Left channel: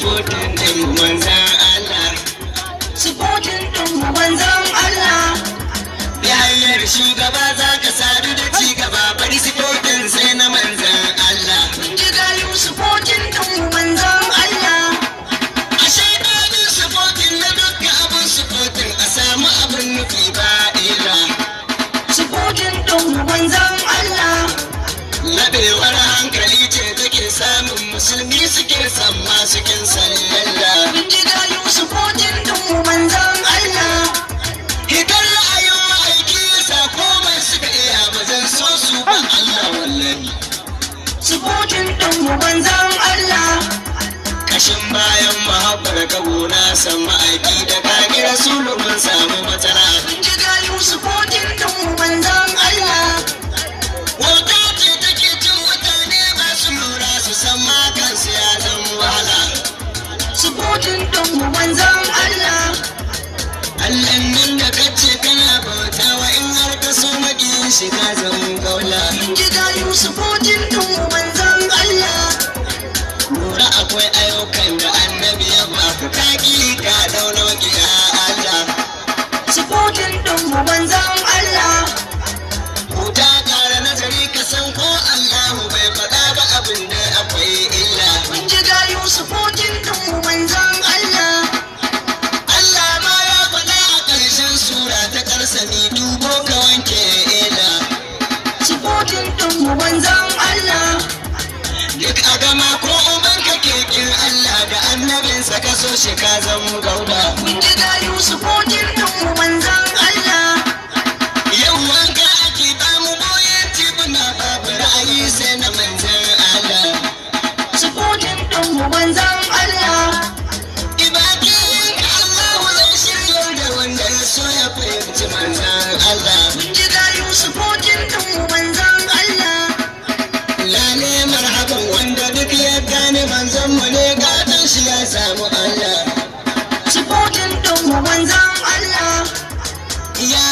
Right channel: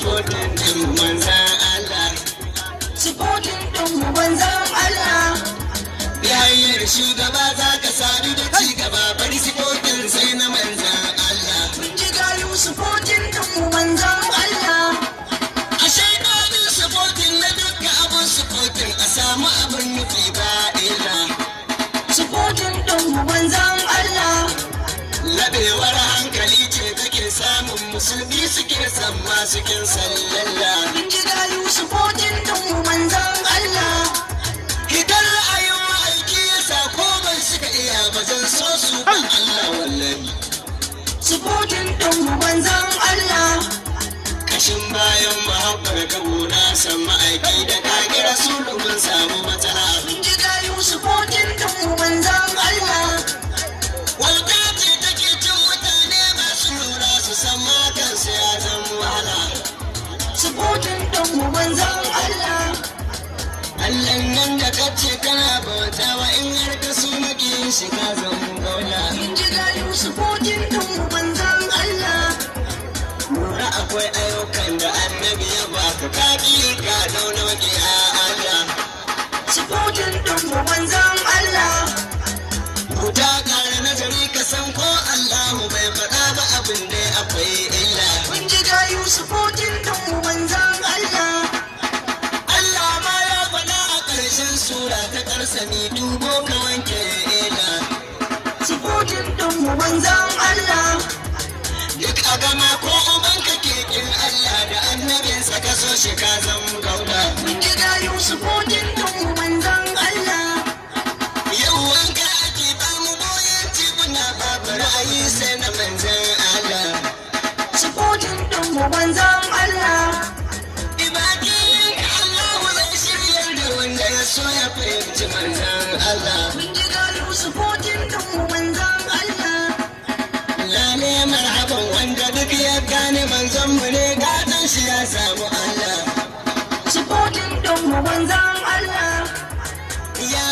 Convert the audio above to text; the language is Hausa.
supporting ɗin manzan Allah. supporting ɗin manzan Allah. Ya hanyar shugaba za ka sadu da ci gaba, bari supporting sai na manzan Allah. Ji gayu supporting ɗin manzan Allah. A shaidanin supporting na dukkan abin supporting a samu abin nufi ba illa. Supporting ɗin manzan Allah. Labewar hankali ce take samun musulmi suke san masu kin sallallah. Ji gayu supporting ɗin manzan Allah. Idan ra'ayin ma'aiki ya sa komai suka iya ba zan so su ba Allah wallahi. Supporting ɗin manzan Allah. Kashin bayan mahabbar kabuna san ma'aiki da kage rasulu mun samu matsala. Ji gayu supporting ɗin manzan Allah. Wata ce take cin mutane masu lura su san makansu ya zan wahala. Supporting ɗin manzan Allah. Allah nan da kace kana bauta wa in har ka so maƙiyin shi ka zan gaula. Ji gayu supporting ɗin manzan Allah. Lura akwai ayyukan da annabi ya baka kaki ka dauna maƙiya Allah. Supporting ɗin manzan Allah. Huta ƙara nazari ka san ko Allahu bai faɗa ba abin da akwai illa. Ji gayu supporting ɗin manzan Allah. Allah ma ya faɗa a ƙarshen sura ta ƙarsani dubo ka wanke illa. Supporting ɗin manzan Allah. Duk a gama ko ubanka kekin Allah da annabinsa ka so shi ka zan gauda. Ji gayu supporting ɗin manzan Allah. Yau wanka ake ba mu boyen tibuna babu ra'ayi sai na manzan Allah. Supporting ɗin manzan Allah. Ibadiyin ka Allah zai shiryar da wanda ya so ya fahimci manzan Allah. Ji gayu supporting ɗin manzan Allah. Lale marhaban wanda duk ya gane manzon mu ne gatan shi ya samu Allah. Supporting ɗin manzan Allah. Ya